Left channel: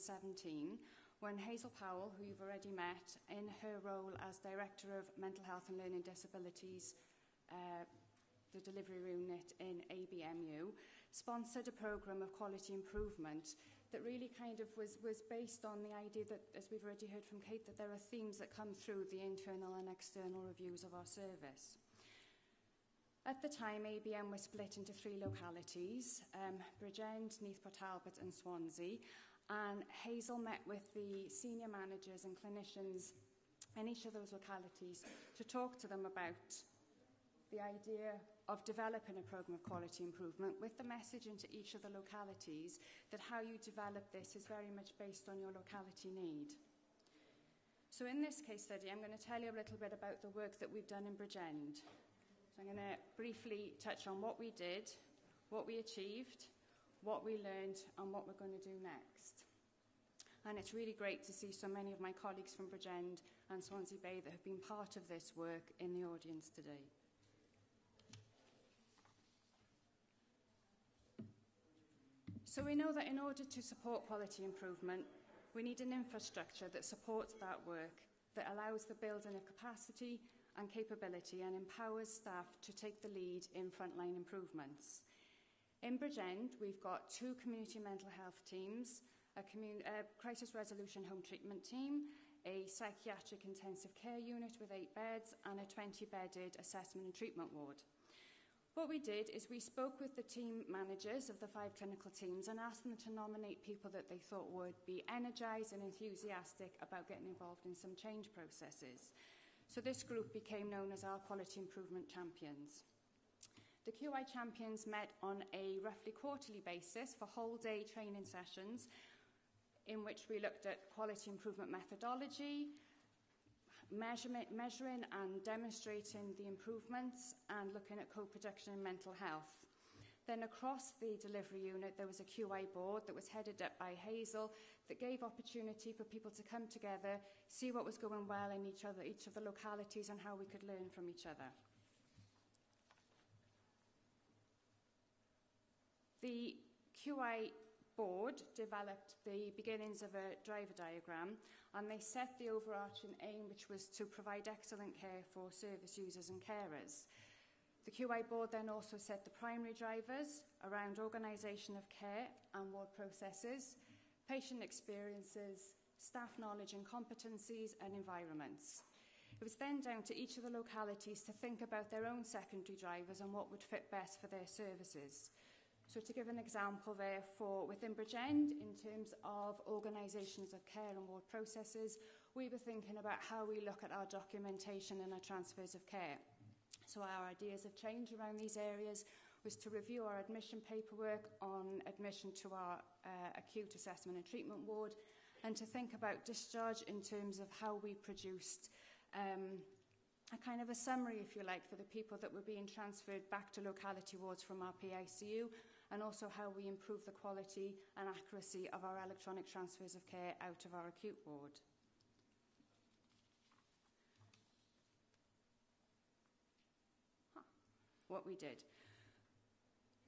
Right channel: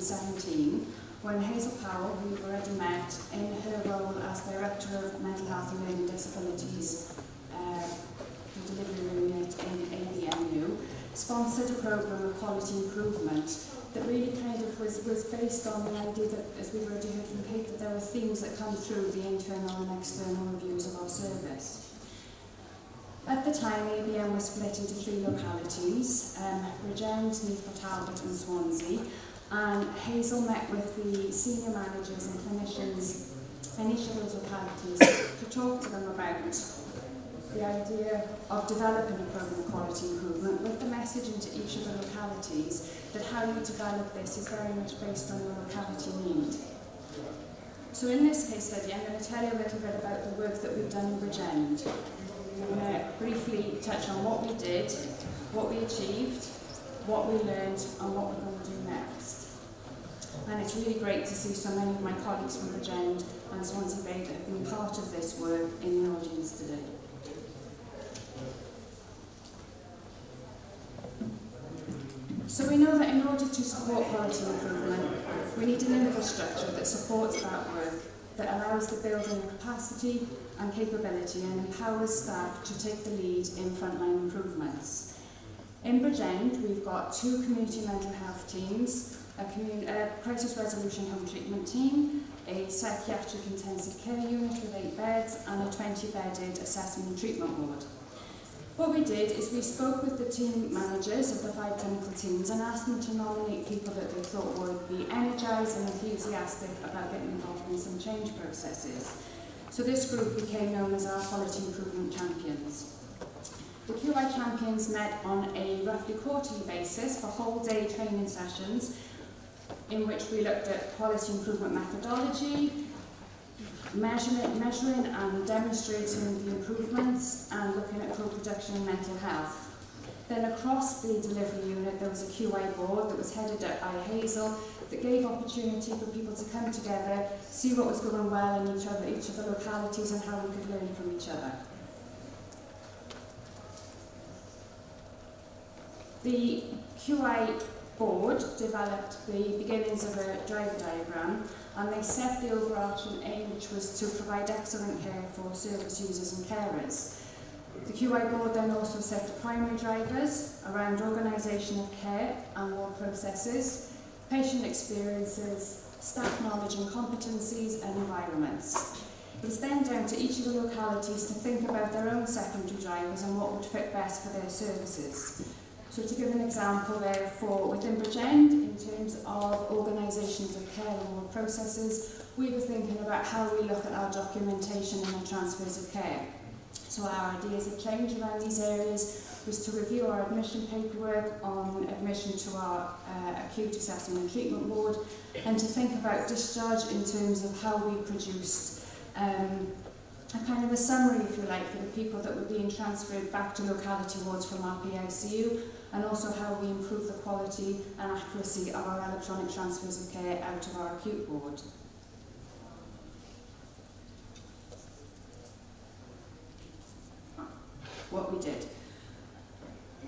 2017, when Hazel Powell, who we've already met, in her role as Director of Mental Health and Learning Disabilities, the delivery unit in ABMU, sponsored a programme of quality improvement that really kind of was based on the idea that, as we've already heard from Kate, that there are themes that come through the internal and external reviews of our service. At the time, ABM was split into 3 localities, Bridgend, Neath, Talbot and Swansea, and Hazel met with the senior managers and clinicians in each of those localities to talk to them about the idea of developing a programme of quality improvement, with the message into each of the localities that how you develop this is very much based on your locality need. So in this case study, I'm going to tell you a little bit about the work that we've done in Bridgend. I'm going to briefly touch on what we did, what we achieved, what we learned, and what we're going to do next. And it's really great to see so many of my colleagues from Bridgend and Swansea Bay that have been part of this work in the audience today. So we know that in order to support quality improvement, we need an infrastructure that supports that work, that allows the building of capacity and capability and empowers staff to take the lead in frontline improvements. In Bridgend, we've got 2 community mental health teams, a crisis resolution home treatment team, a psychiatric intensive care unit with 8 beds, and a 20-bedded assessment and treatment ward. What we did is we spoke with the team managers of the 5 clinical teams and asked them to nominate people that they thought would be energised and enthusiastic about getting involved in some change processes. So this group became known as our Quality Improvement Champions. The QI Champions met on a roughly quarterly basis for whole-day training sessions in which we looked at quality improvement methodology, measuring and demonstrating the improvements, and looking at co-production and mental health. Then across the delivery unit there was a QI board that was headed up by Hazel that gave opportunity for people to come together, see what was going well in each of the localities and how we could learn from each other. The QI board developed the beginnings of a driver diagram, and they set the overarching aim, which was to provide excellent care for service users and carers. The QI board then also set the primary drivers around organisation of care and ward processes, patient experiences, staff knowledge and competencies, and environments. It was then down to each of the localities to think about their own secondary drivers and what would fit best for their services. So to give an example there, within Bridgend, in terms of organisations of care and ward processes, we were thinking about how we look at our documentation and our transfers of care. So our ideas of change around these areas was to review our admission paperwork on admission to our acute assessment and treatment ward, and to think about discharge in terms of how we produced a kind of a summary, if you like, for the people that were being transferred back to locality wards from our PICU, and also how we improve the quality and accuracy of our electronic transfers of care out of our acute ward. What we did.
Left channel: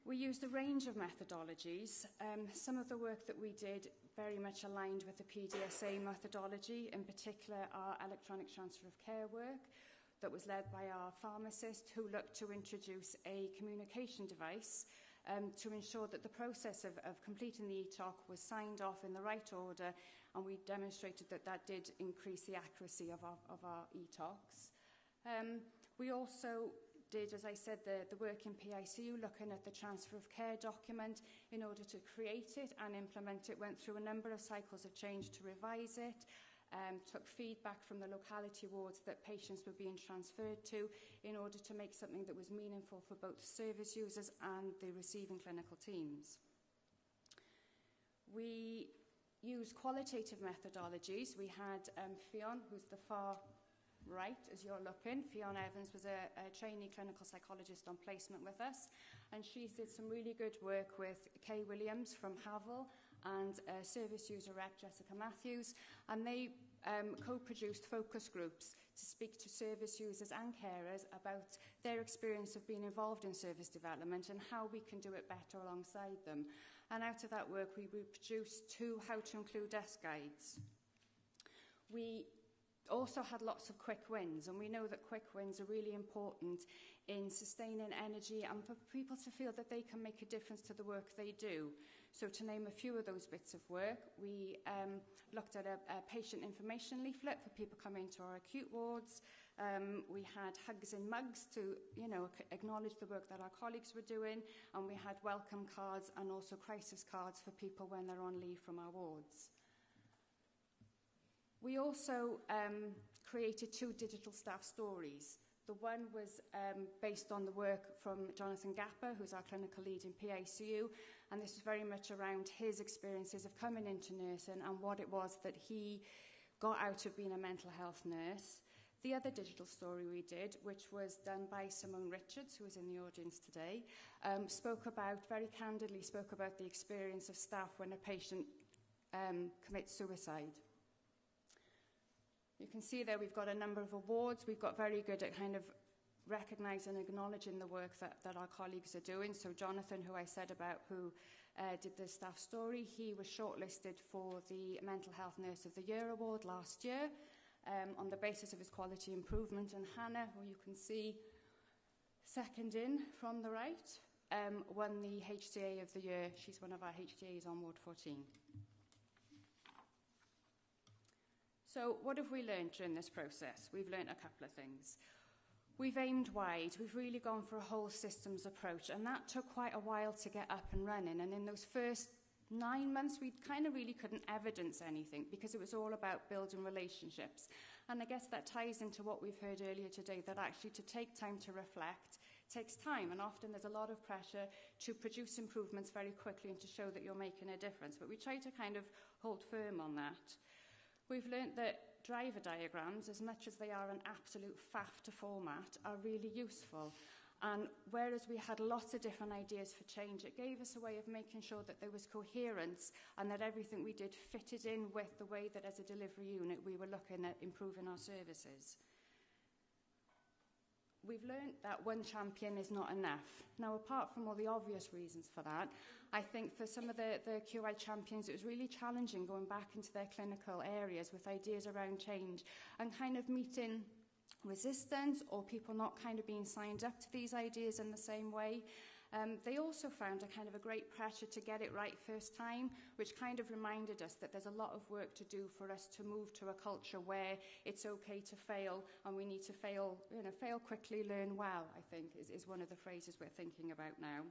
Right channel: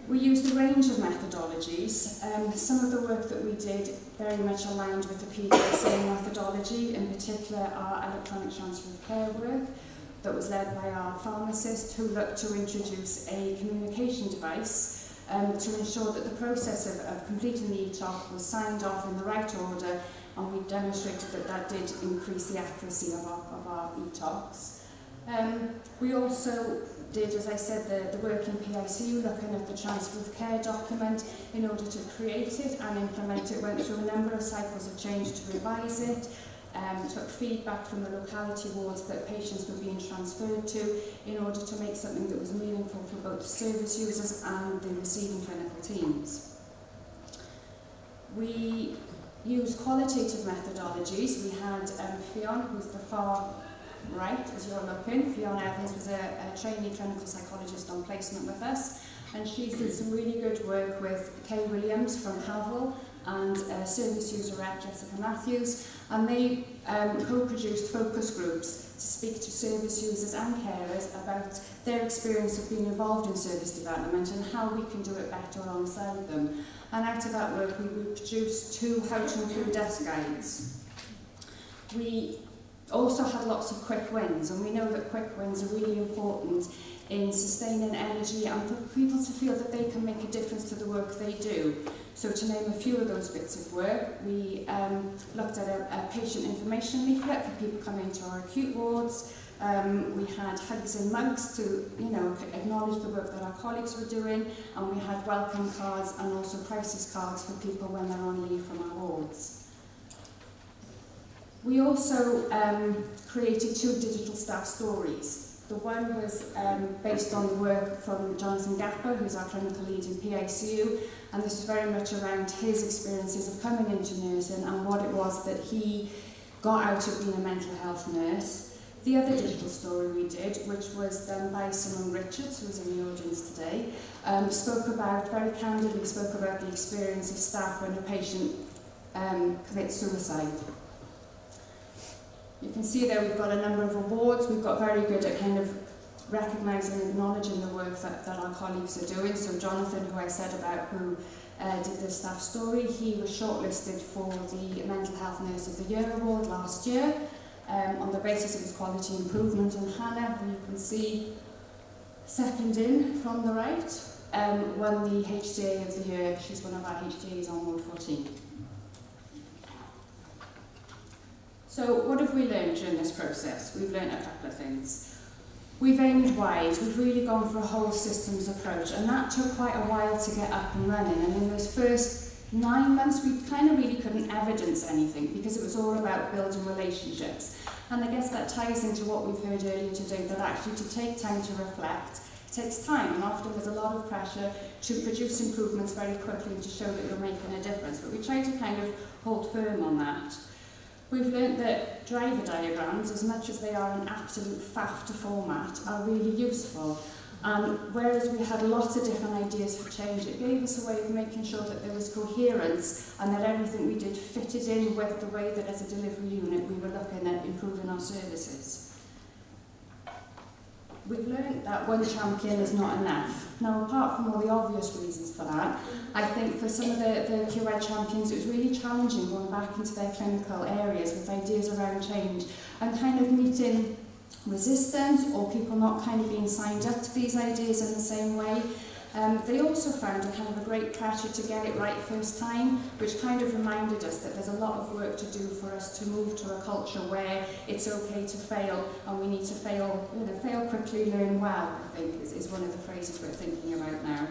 We used a range of methodologies. Some of the work that we did very much aligned with the PDSA methodology, in particular our electronic transfer of care work that was led by our pharmacist, who looked to introduce a communication device to ensure that the process of completing the ETOC was signed off in the right order, and we demonstrated that that did increase the accuracy of our ETOCs. We also did, as I said, the work in PICU, looking at the transfer of care document in order to create it and implement it. Went through a number of cycles of change to revise it, took feedback from the locality wards that patients were being transferred to in order to make something that was meaningful for both service users and the receiving clinical teams. We used qualitative methodologies. We had Fionn, who's the far right, as you're looking. Fionn Evans was a trainee clinical psychologist on placement with us, and she's did some really good work with Kay Williams from Havel and service user rep Jessica Matthews, and they co-produced focus groups to speak to service users and carers about their experience of being involved in service development and how we can do it better alongside them. And out of that work, we produced 2 how to improve desk guides. We also had lots of quick wins, and we know that quick wins are really important in sustaining energy and for people to feel that they can make a difference to the work they do. So to name a few of those bits of work, we looked at a patient information leaflet for people coming to our acute wards. We had hugs and mugs to, acknowledge the work that our colleagues were doing, and we had welcome cards and also crisis cards for people when they're on leave from our wards. We also created 2 digital staff stories. The one was based on the work from Jonathan Gapper, who's our clinical lead in PICU, and this was very much around his experiences of coming into nursing and what it was that he got out of being a mental health nurse. The other digital story we did, which was done by Simone Richards, who's in the audience today, very candidly spoke about the experience of staff when a patient commits suicide. You can see there we've got a number of awards. We've got very good at kind of recognising and acknowledging the work that our colleagues are doing. So Jonathan, who I said about, who did the staff story, he was shortlisted for the Mental Health Nurse of the Year award last year on the basis of his quality improvement. And Hannah, who you can see second in from the right, won the HDA of the Year. She's one of our HDAs on Ward 14. So what have we learned during this process? We've learned a couple of things. We've aimed wide. We've really gone for a whole systems approach, and that took quite a while to get up and running. And in those first 9 months, we kind of really couldn't evidence anything because it was all about building relationships. And I guess that ties into what we've heard earlier today, that actually to take time to reflect takes time, and often there's a lot of pressure to produce improvements very quickly and to show that you're making a difference. But we try to kind of hold firm on that. We've learned that driver diagrams, as much as they are an absolute faff to format, are really useful. Whereas we had lots of different ideas for change, it gave us a way of making sure that there was coherence and that everything we did fitted in with the way that as a delivery unit we were looking at improving our services. We've learned that one champion is not enough. Now, apart from all the obvious reasons for that, I think for some of the QI champions it was really challenging going back into their clinical areas with ideas around change and kind of meeting resistance or people not kind of being signed up to these ideas in the same way. They also found a kind of a great pressure to get it right first time, which kind of reminded us that there's a lot of work to do for us to move to a culture where it's okay to fail, and we need to fail, fail quickly, learn well, I think is one of the phrases we're thinking about now.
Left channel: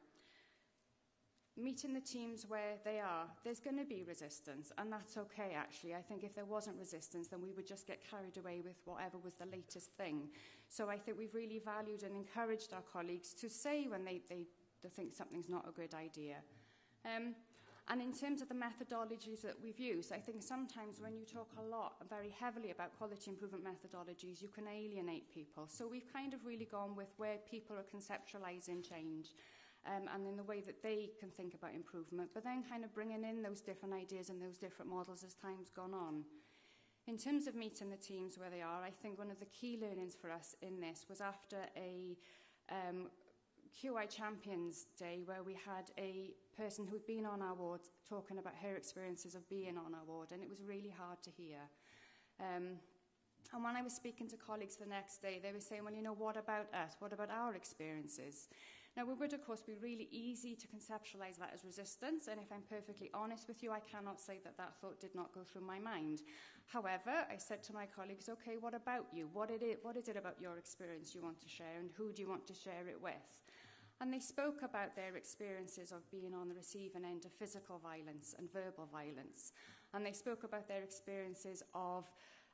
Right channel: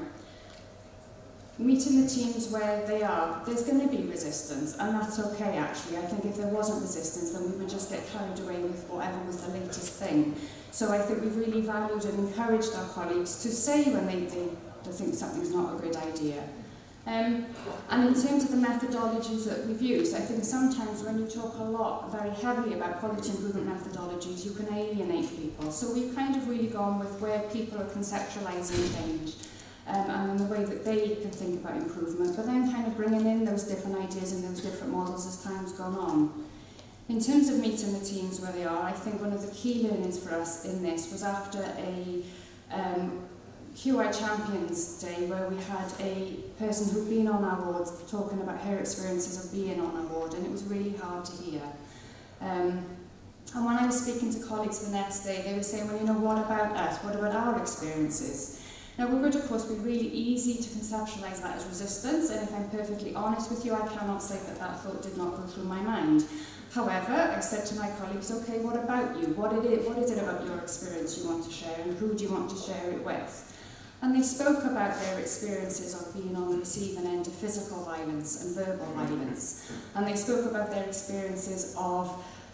Meeting the teams where they are, there's going to be resistance, and that's okay actually. I think if there wasn't resistance, then we would just get carried away with whatever was the latest thing. So I think we've really valued and encouraged our colleagues to say when they think something's not a good idea. And in terms of the methodologies that we've used, I think sometimes when you talk a lot, very heavily about quality improvement methodologies, you can alienate people. So we've kind of really gone with where people are conceptualising change and in the way that they can think about improvement, but then kind of bringing in those different ideas and those different models as time's gone on. In terms of meeting the teams where they are, I think one of the key learnings for us in this was after a QI Champions Day where we had a person who'd been on our ward talking about her experiences of being on our ward, and it was really hard to hear. And when I was speaking to colleagues the next day, they were saying, well, what about us? What about our experiences? Now, it would, of course, be really easy to conceptualise that as resistance, and if I'm perfectly honest with you, I cannot say that that thought did not go through my mind. However, I said to my colleagues, okay, what about you? What is it about your experience you want to share, and who do you want to share it with? And they spoke about their experiences of being on the receiving end of physical violence and verbal violence. And they spoke about their experiences of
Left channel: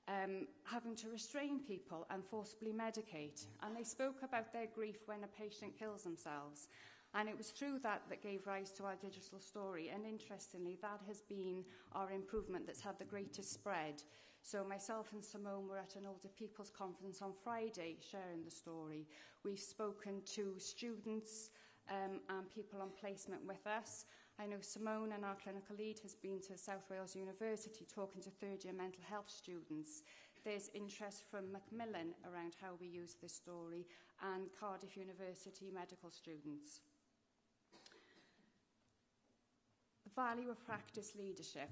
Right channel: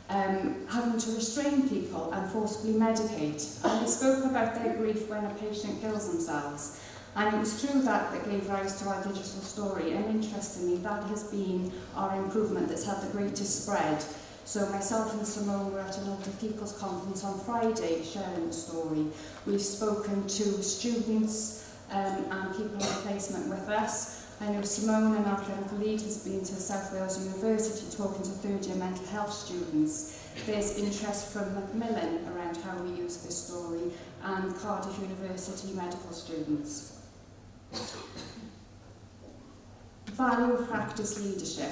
having to restrain people and forcibly medicate. And they spoke about their grief when a patient kills themselves. And it was through that that gave rise to our digital story. And interestingly, that has been our improvement that's had the greatest spread. So myself and Simone were at an Older People's Conference on Friday sharing the story. We've spoken to students and people on placement with us. I know Simone and our clinical lead has been to South Wales University talking to third-year mental health students. There's interest from Macmillan around how we use this story, and Cardiff University medical students. Value of practice leadership.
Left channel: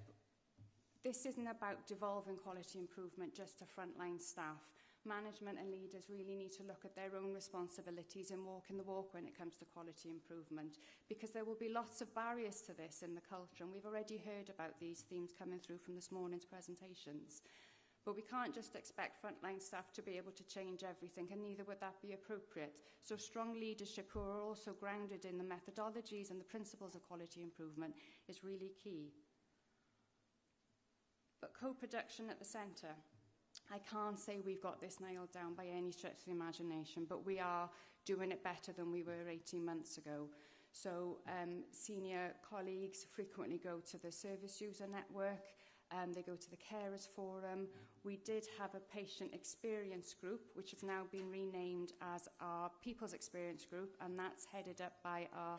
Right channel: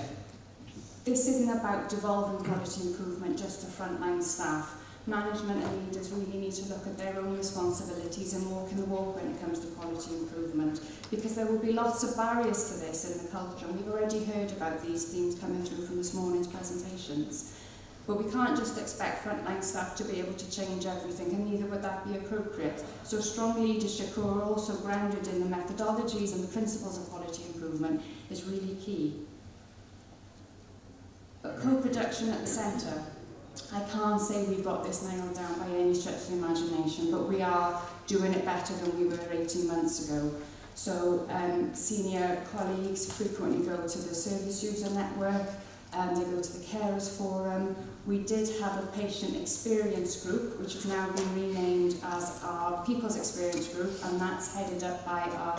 This isn't about devolving quality improvement just to frontline staff. Management and leaders really need to look at their own responsibilities and walk in the walk when it comes to quality improvement, because there will be lots of barriers to this in the culture, and we've already heard about these themes coming through from this morning's presentations. But we can't just expect frontline staff to be able to change everything, and neither would that be appropriate. So strong leadership who are also grounded in the methodologies and the principles of quality improvement is really key. But co-production at the centre. I can't say we've got this nailed down by any stretch of the imagination, but we are doing it better than we were 18 months ago. So senior colleagues frequently go to the service user network, they go to the carers forum. We did have a patient experience group, which has now been renamed as our people's experience group, and that's headed up by our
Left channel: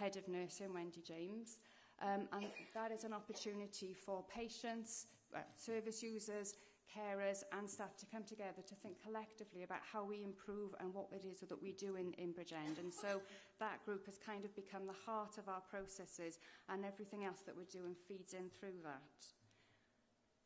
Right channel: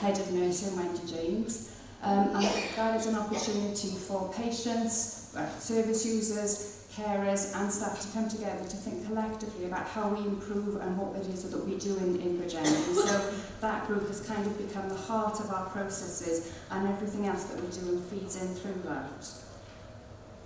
head of nursing, Mikey James. And that is an opportunity for patients, service users, carers and staff to come together to think collectively about how we improve and what it is that we do in Bridgend. And so that group has kind of become the heart of our processes, and everything else that we do feeds in through that.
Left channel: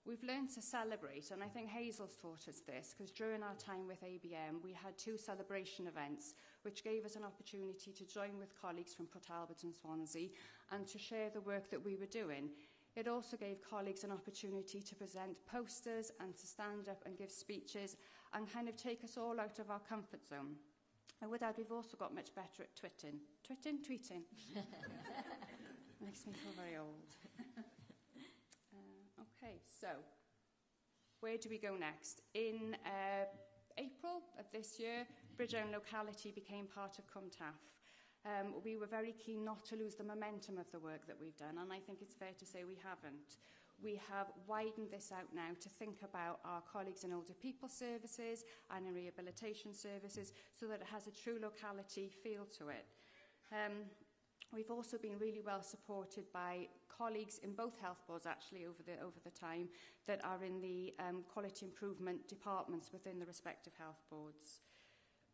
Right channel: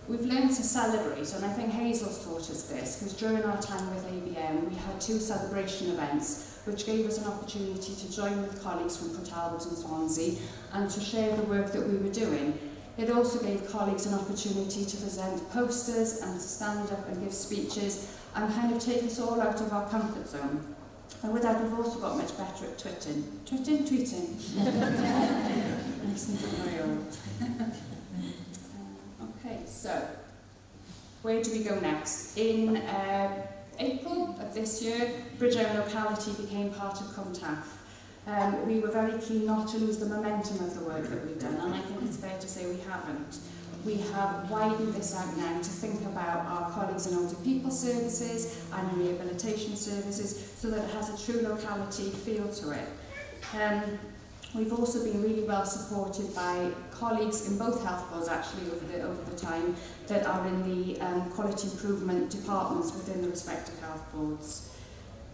We've learned to celebrate, and I think Hazel's taught us this, because during our time with ABM we had 2 celebration events which gave us an opportunity to join with colleagues from Port Talbot and Swansea and to share the work that we were doing. It also gave colleagues an opportunity to present posters and to stand up and give speeches and kind of take us all out of our comfort zone. And with that, we've also got much better at tweeting. Tweeting. Makes me feel very old. Okay, so where do we go next? In April of this year, Bridgend locality became part of COMTAF. We were very keen not to lose the momentum of the work that we've done, and I think it's fair to say we haven't. We have widened this out now to think about our colleagues in older people services and rehabilitation services so that it has a true locality feel to it. We've also been really well supported by colleagues in both health boards actually over the time that are in the quality improvement departments within the respective health boards.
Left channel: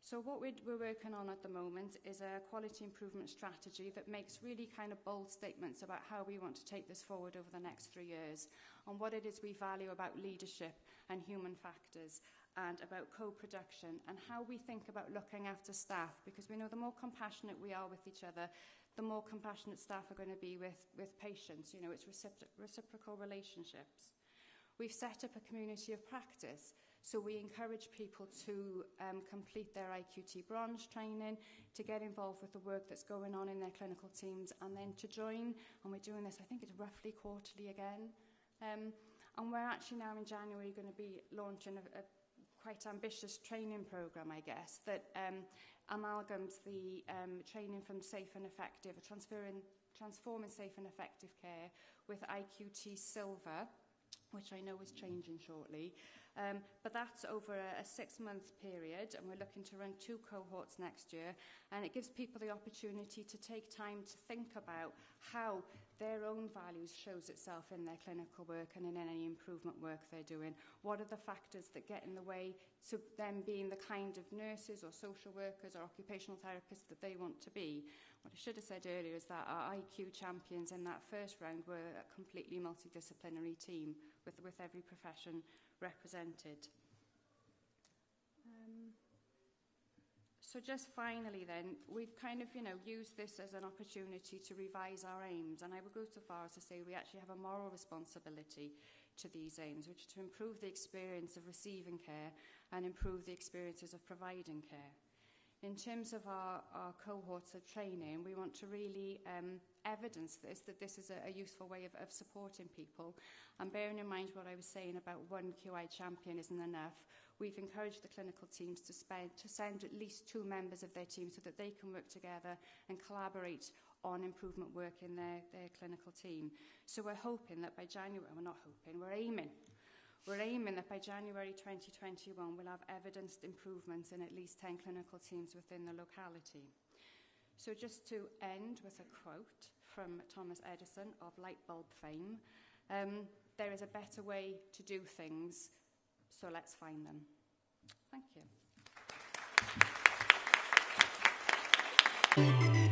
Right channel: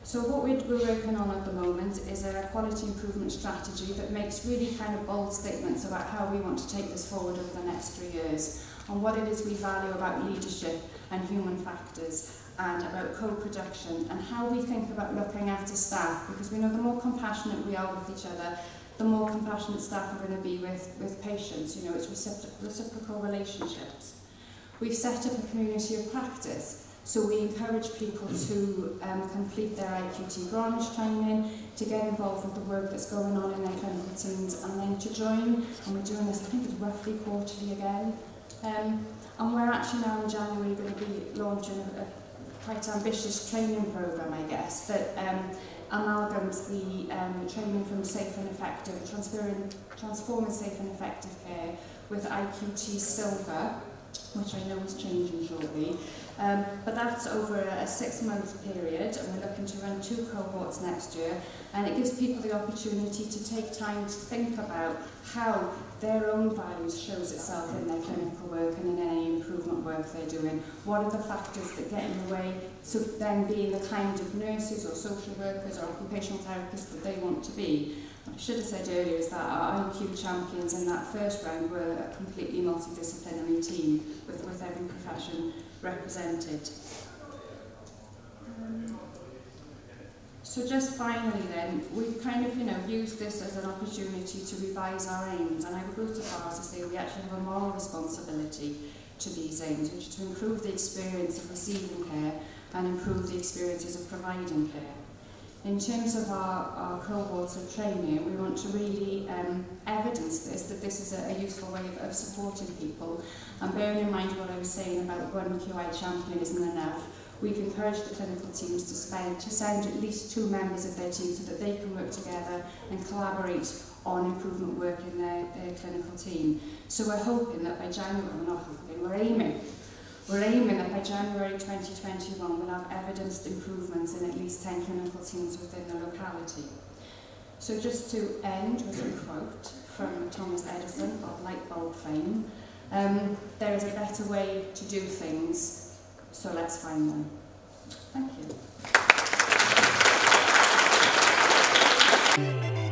So what we're working on at the moment is a quality improvement strategy that makes really kind of bold statements about how we want to take this forward over the next 3 years, on what it is we value about leadership and human factors, and about co-production, and how we think about looking after staff, because we know the more compassionate we are with each other, the more compassionate staff are going to be with patients. You know, it's reciprocal relationships. We've set up a community of practice. So we encourage people to complete their IQT branch training, to get involved with the work that's going on in their clinical teams, and then to join, and we're doing this, I think it's roughly quarterly again. And we're actually now in January going to be launching a quite ambitious training programme, I guess, that amalgams the training from safe and effective, transforming safe and effective care with IQT Silver, which I know is changing shortly. But that's over a 6-month period, and we're looking to run 2 cohorts next year, and it gives people the opportunity to take time to think about how their own values shows itself in their clinical work and in any improvement work they're doing. What are the factors that get in the way to them being the kind of nurses or social workers or occupational therapists that they want to be? What I should have said earlier is that our IQ champions in that first round were a completely multidisciplinary team with every profession represented. So just finally then, we've kind of, used this as an opportunity to revise our aims, and I would go so far as to say we actually have a moral responsibility to these aims, which is to improve the experience of receiving care and improve the experiences of providing care. In terms of our cohorts of training, we want to really evidence this, that this is a useful way of supporting people. And bearing in mind what I was saying about one QI champion isn't enough, we've encouraged the clinical teams to send at least 2 members of their team so that they can work together and collaborate on improvement work in their clinical team. So we're hoping that by January, we're aiming that by January 2021 we'll have evidenced improvements in at least 10 clinical teams within the locality. So just to end with a quote from Thomas Edison of light bulb fame, there is a better way to do things, so let's find them. Thank you.